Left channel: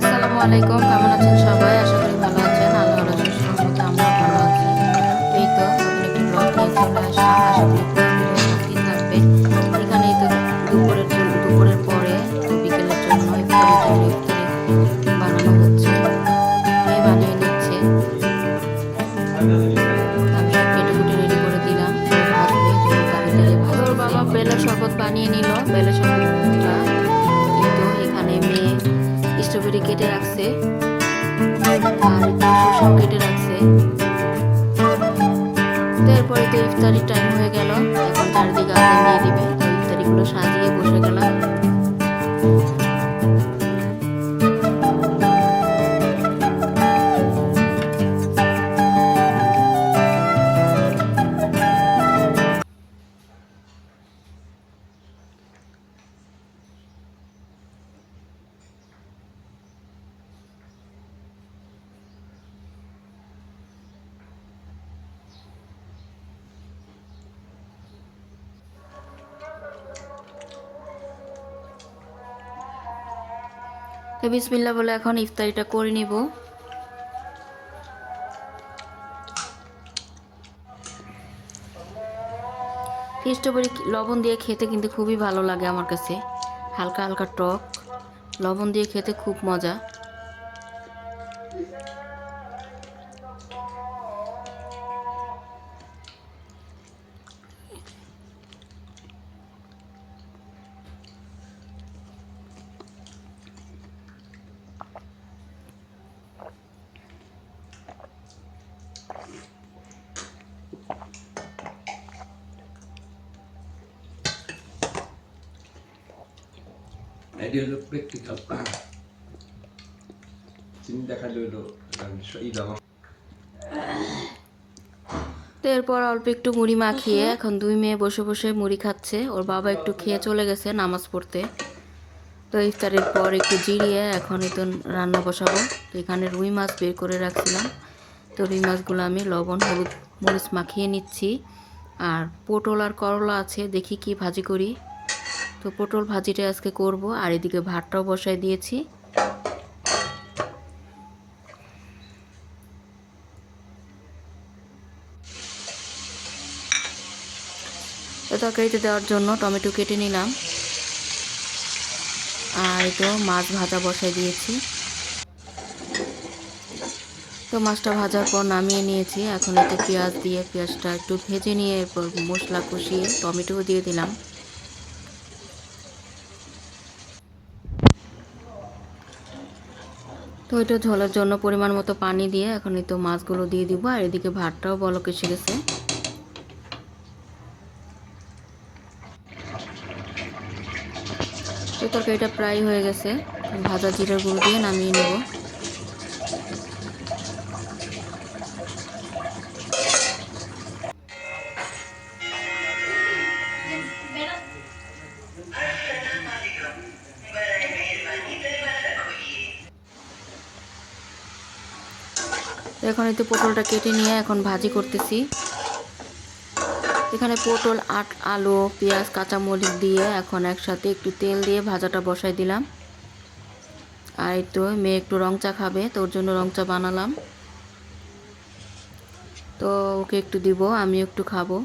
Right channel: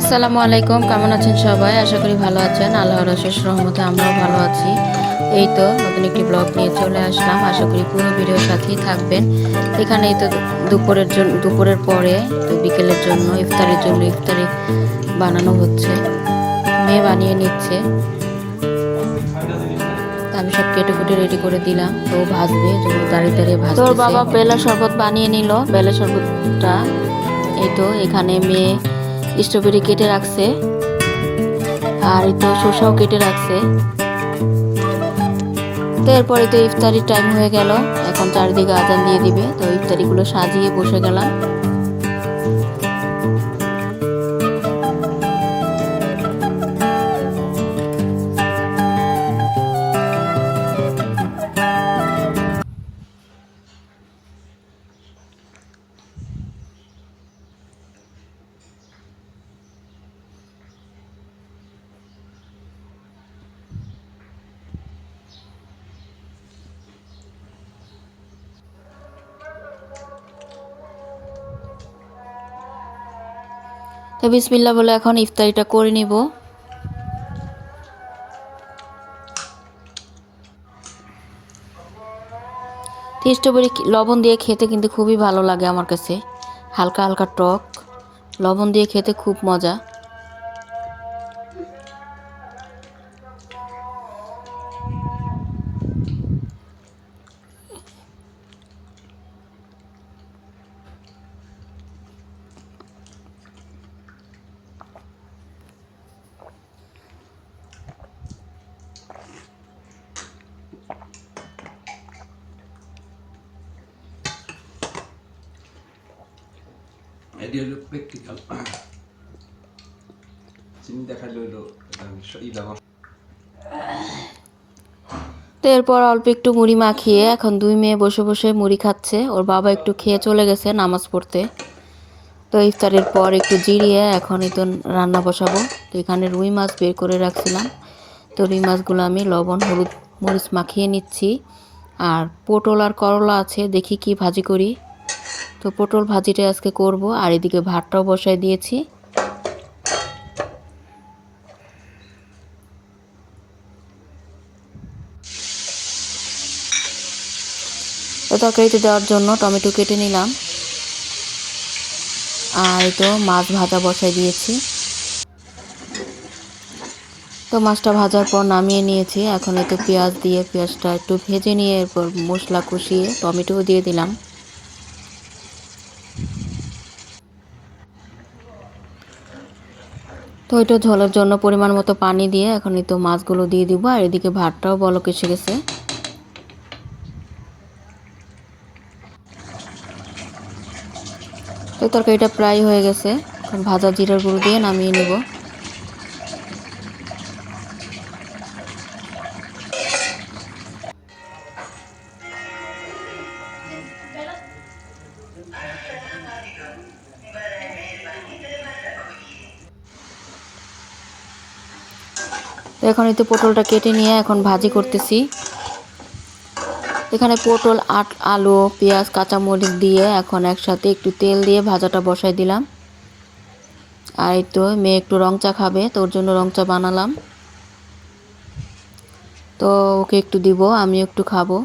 আসসালামু আলাইকুম, কেমন আছেন সবাই? আশা করি ভালো আছেন। আল্লাহর অশেষ রহমতে আমরাও ভালো আছি। এই তো নতুন একটি ব্লগ নিয়ে চলে আসলাম। আশা করি পুরো ভিডিওর সাথেই থাকবেন। এখানে এই তো দুপুরের পরে তো বিকেলের জন্য ইফতারি বানানো হচ্ছে। মেয়ে বানিয়ে নিচ্ছে। আমি সব কেটে কুটে রেডি করে দিলাম। তো ভাজবে, জন্য দাঁড়িয়ে ভাজতেছে। তোর বাবা বেলা শরবত বানিয়ে নিল। বেলা শরবতটা এই তো এখানে মেয়ে স্ট্রবেরি কেটে রাখছে, আর এই তো শসাও কেটে রাখছে। তো এরপরে তো ইফতারির টাইম হয়ে গেল। এখন চারিদিকে আজান দিয়ে দিবে। তো ইফতারিগুলো সাজিয়ে বসে গেলাম। তো বিসমিল্লাহ বলে এখন ইফতারিটা করে নিব। স্ট্রবেরি লবণ দিয়ে খেতে কিন্তু খুবই ভালো লাগে আমার কাছে। হালকা হালকা টক, লবণ দিয়ে খেতে খুব মজা। এটি হলো প্র্যাকটিক্যাল চিন্তা খালি হলো তো এরপর অল্প একটু মুড়ি মাখিয়ে এখন দুই মেয়ে বসে বসে মুড়ি খাচ্ছে। ওর বাবা একটু খেয়ে চলে গেছে নামাজ পড়তে। তো ইফতারের পর একটু জিরিয়ে এখনই তো রান্না বসাবো। তো এখানে রুই মাছ বের করে রাখছিলাম। তো রুই মাছগুলো আমি লবণ হলুদ মরিচ মাখিয়ে নিচ্ছি। আর পটল আর করলা আছে, দেখি কি ভাজি করি। তো পটল ভাজিটা আজকে করব। আর এদিকে ভাতটাও বসাই দিয়েছি। তো তরকারিতে দেওয়ার জন্য টমেটো কেটে নিলাম। আর এই তো মাছ ভাজা বসাই দিয়েছি। তো মাছটা ভাজার পর নামিয়ে নিয়েছি। এখন এই তো পেঁয়াজ দিয়ে পেঁয়াজটা একটু ভেজে নিয়ে এরপর মশলা কষিয়ে টমেটোও দিয়ে দিলাম। তো এটা ঝোলের জন্য পরিমাণ মতো পানি দিয়ে এখন এই তো মাছগুলো দিয়ে দিব। আর এদিকে ভাতটাও বলক এসে গেছে। তো তরকারিটা প্রায় হয়ে গেছে। এখন ভাজা জিরার গুঁড়ো দিয়ে নামিয়ে নেব। এখন এই তো পটলটা কেটে নিয়ে এখন ভাজি করতেছি। এখানে পটল আলু পেঁয়াজ কাঁচামরিচ দিয়ে এখন একসাথে একটু তেল দিয়ে ভাজাটা বসাই দিলাম। আর এই তো মেয়ে একটু রং চা খাবে, তো ওর জন্য রং চা বানালাম। তো ওকে একটু দিব, আমি একটু খাবো।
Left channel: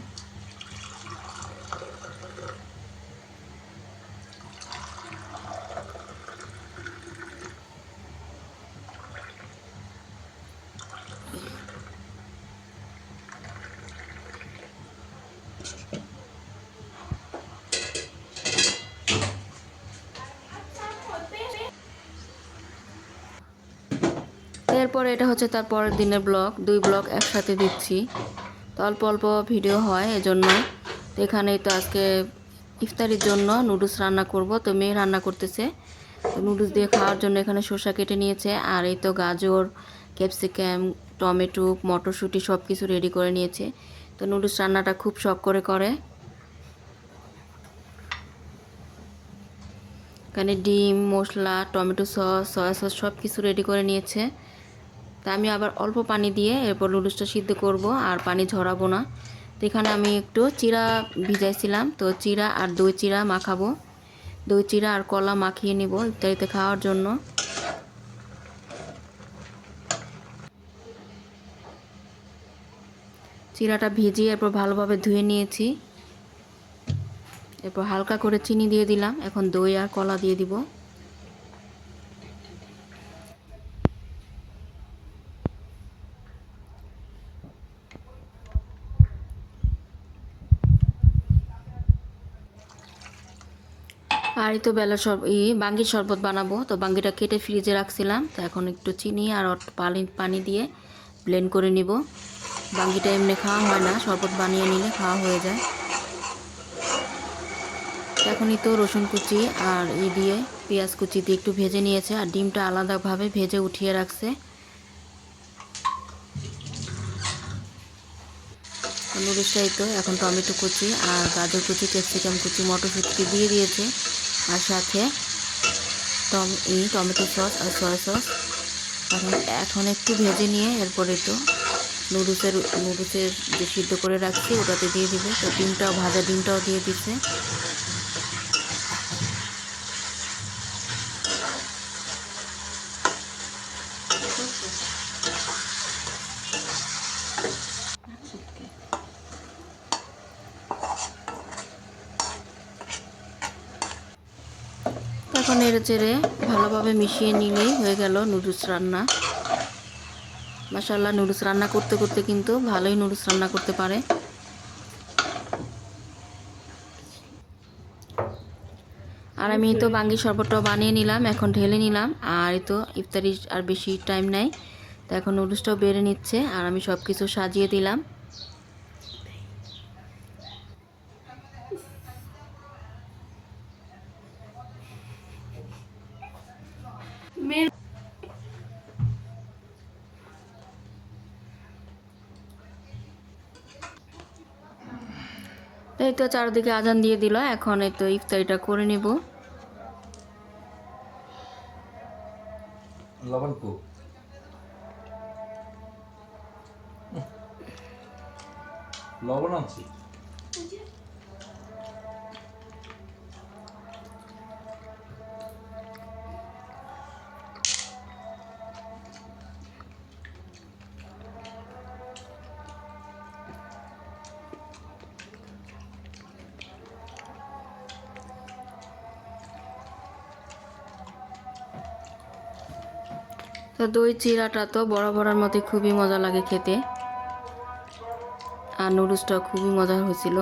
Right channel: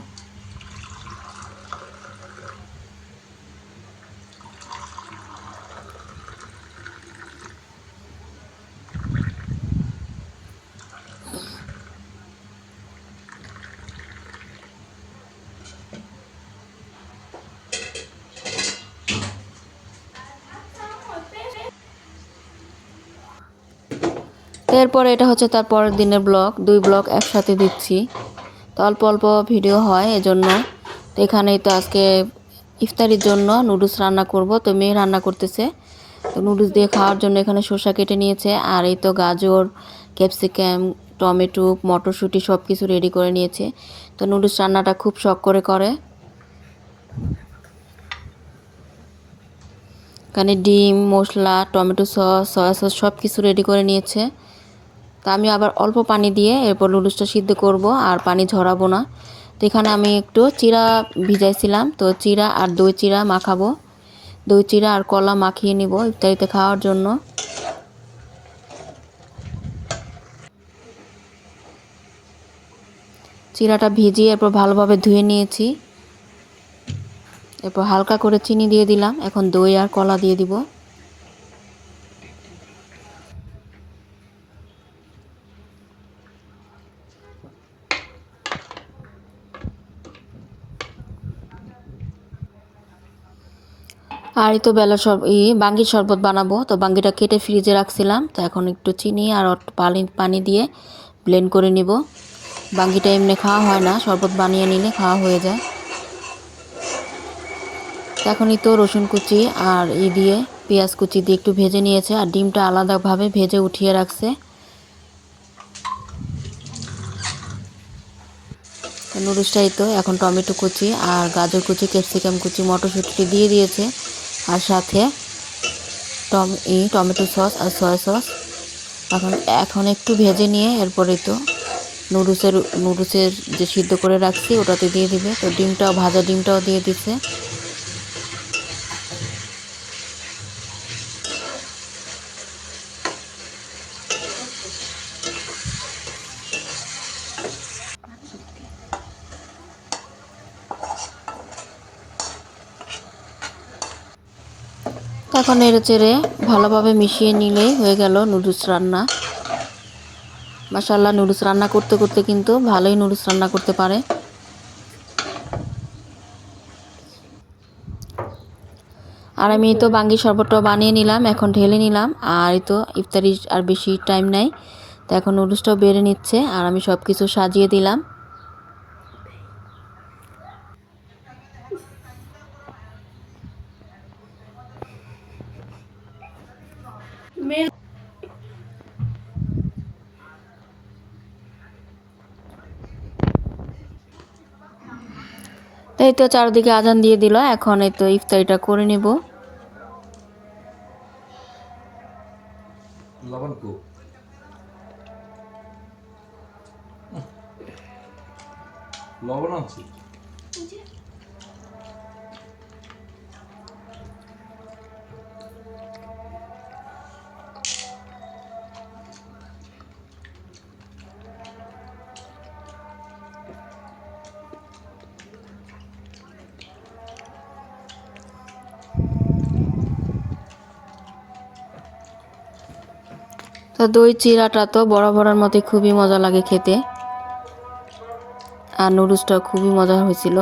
এরপরে এটা হচ্ছে তার পরের দিনের ব্লগ। দুই ব্লগ একসাথে দিচ্ছি। তো অল্প অল্প ভিডিও হয় এজন্য। তো এখানেই তো আজকে ইফতারির জন্য নুডলস রান্না করব। তো মেয়ে রান্না করতেছে। তো নুডলস দিয়ে খাওয়ার জন্য এখানে শসা কেটে নিয়েছে। আর এই তো গাজর ক্যাপসিকাম টমেটো মটরশুঁটি সব কিছু রেডি করে নিয়েছে। তো নুডলস রান্নাটা খুব শখ করে করে। এখানে ডিম মশলা টমেটো সস সয়া সস সব কিছু রেডি করে নিয়েছে। তা আমি আবার অল্প পানি দিয়ে এরপর নুডলসটা সিদ্ধ করব, আর পানি ঝরাবো না। তো এখানে আমি একটু চিরা ভিজাইছিলাম। তো চিরা আর দই চিরা মাখাবো। দই চিরা আর কলা মাখিয়ে নিব ইফতারিতে খাওয়ার জন্য। চিড়াটা ভিজিয়ে এরপর ভালোভাবে ধুয়ে নিয়েছি। এরপর হালকা করে চিনি দিয়ে দিলাম। এখন দই আর কলা দিয়ে দিব। আর এই তো বেলা বাঙ্গির শরবত বানাবো, তো বাঙ্গিটা কেটে ফ্রিজে রাখছিলাম। তো এখন একটু চিনি আর পানি দিয়ে ব্লেন্ড করে নিব। বাঙ্গিটা এমনি খাওয়া হয় না, শরবত বানিয়ে নিলে খাওয়া হয়ে যায়। এখনই তো রসুন কুচি আর দিয়ে পেঁয়াজ কুচি দিয়ে একটু ভেজে নিয়েছে, আর ডিমটা আলাদাভাবে ভেজে উঠিয়ে রাখছে। নুডলসটাই তো এখন টমেটো কুচি আর গাজর কুচি, ক্যাপসিকাম কুচি, মটরশুঁটি দিয়ে দিয়েছে, আর সাথে টমেটো সস আর সয়া সস। এখন একটু ভেজে নিয়ে এরপরে তো নুডলসের যে সিদ্ধ করে রাখছি ওটাতে দিয়ে দিবে। তো ভাজা ডিমটাও দিয়ে দিচ্ছে। এখন নেড়েচেড়ে ভালোভাবে মিশিয়ে নিলেই হয়ে গেল নুডলস রান্না। মাশাআল্লাহ, নুডলস রান্না করতে করতে কিন্তু ভালোই নুডলস রান্না করতে পারে। আর আমি তো বাঙ্গি শরবতটা বানিয়ে নিলাম, এখন ঢেলে নিলাম। আর এই তো ইফতারি আর বেশি টাইম নাই, তো এখন নুডলসটাও বেড়ে নিচ্ছে আর আমি সব কিছু সাজিয়ে দিলাম। এই তো চারদিকে আজান দিয়ে দিল, এখন এই তো ইফতারিটা করে নেব। লবণ কো লবণ আনছি। তো দই চিড়াটা তো বরাবরের মতো খুবই মজা লাগে খেতে, আর নুডলসটা খুবই মজা হয়েছিল।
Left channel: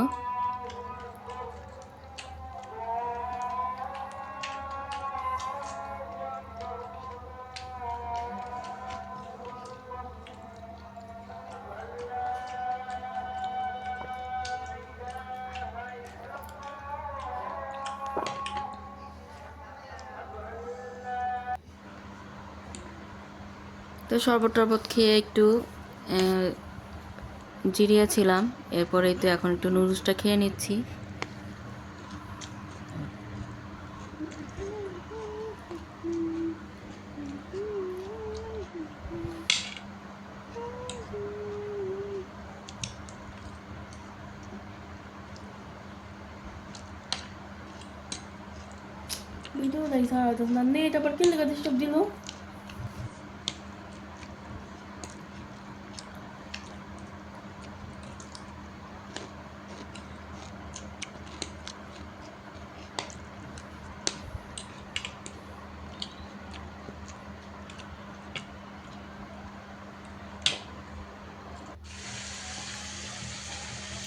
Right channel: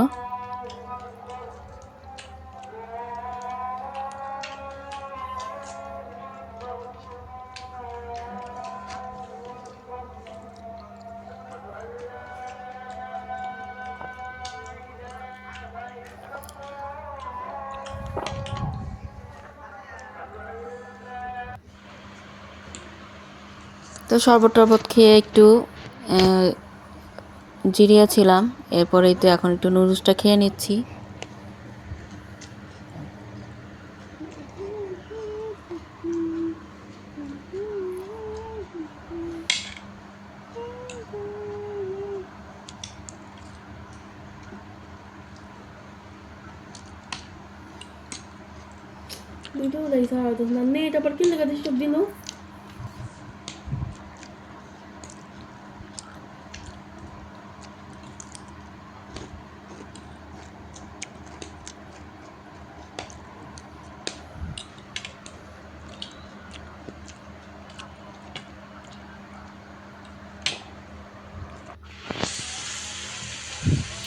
তো শরবত টরবত খেয়ে একটু জিরিয়ে ছিলাম। এরপরেই তো এখন একটু নুডলসটা খেয়ে নিচ্ছি। Itu dari sahabat nanti dapat kill dekat stop dino.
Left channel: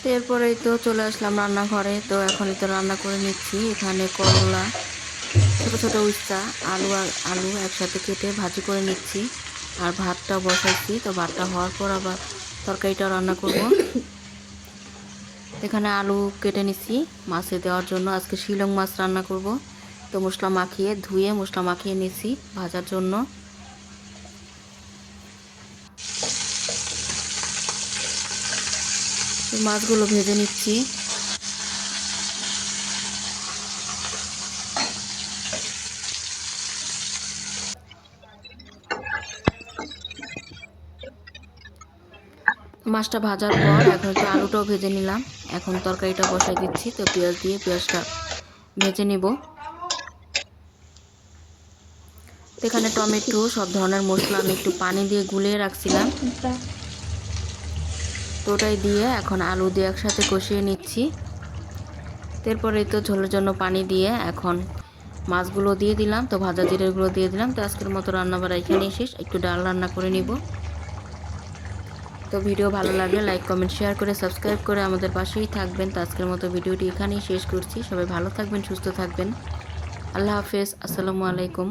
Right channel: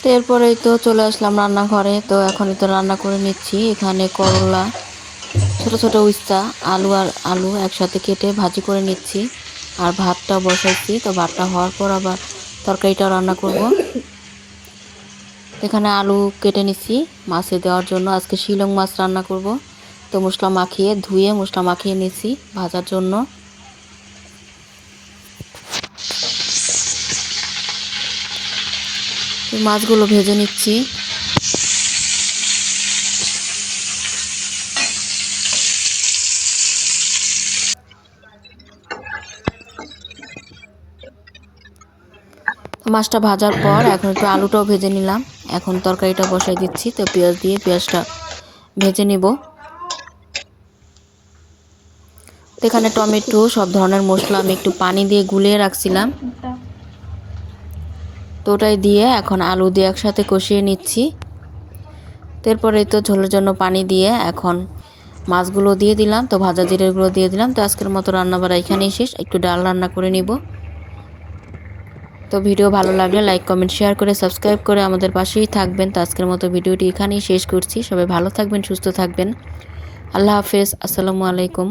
তো এরপরেই তো চলে আসলাম রান্নাঘরে। তো এখনই তো রান্না করে নিচ্ছি। এখানে করলা, ছোট ছোট উস্তা, আলু একসাথে কেটে ভাজি করে নিচ্ছি, আর ভাতটা বসাইছি। তো ভাতটা হওয়ার পর আবার তরকারিটা রান্না করব। এখানে আলু কেটে নিচ্ছি মাছে দেওয়ার জন্য, আজকে শিলং মাছ রান্না করব। তো ধুয়ে মশলা মাখিয়ে নিচ্ছি ভাজার জন্য। মাছগুলো ভেজে নিচ্ছি। মাছটা ভাজার পর এখন একটু আলুটাও ভেজে নিলাম। এখন তরকারিটা বসাই দিচ্ছি। তো পেঁয়াজ দিয়ে পেঁয়াজটা ভেজে নিব। এখানে টমেটো, সব ধরনের মশলা আমি একটু পানি দিয়ে গুলিয়ে রাখছিলাম। তো ওটাই দিয়ে এখন আলু দিয়ে একসাথে কষিয়ে নিচ্ছি। তারপরে তো ঝোলের জন্য পানি দিয়ে এখন মাছগুলো দিয়ে দিলাম, তো ভাজা জিরেগুলো দিয়ে দিলাম। তো আজকের মতো রান্নাবাড়া এখানেই শেষ, একটু ডাল রান্না করে নিব। তো ভিডিও ভালো লাগলে লাইক কমেন্ট শেয়ার করে সাবস্ক্রাইব করে আমাদের পাশেই থাকবেন। তো আজকের মতো ভিডিওটি এখানেই শেষ করছি। সবাই ভালো থাকবেন, সুস্থ থাকবেন। আল্লাহ হাফেজ, আসসালামু আলাইকুম।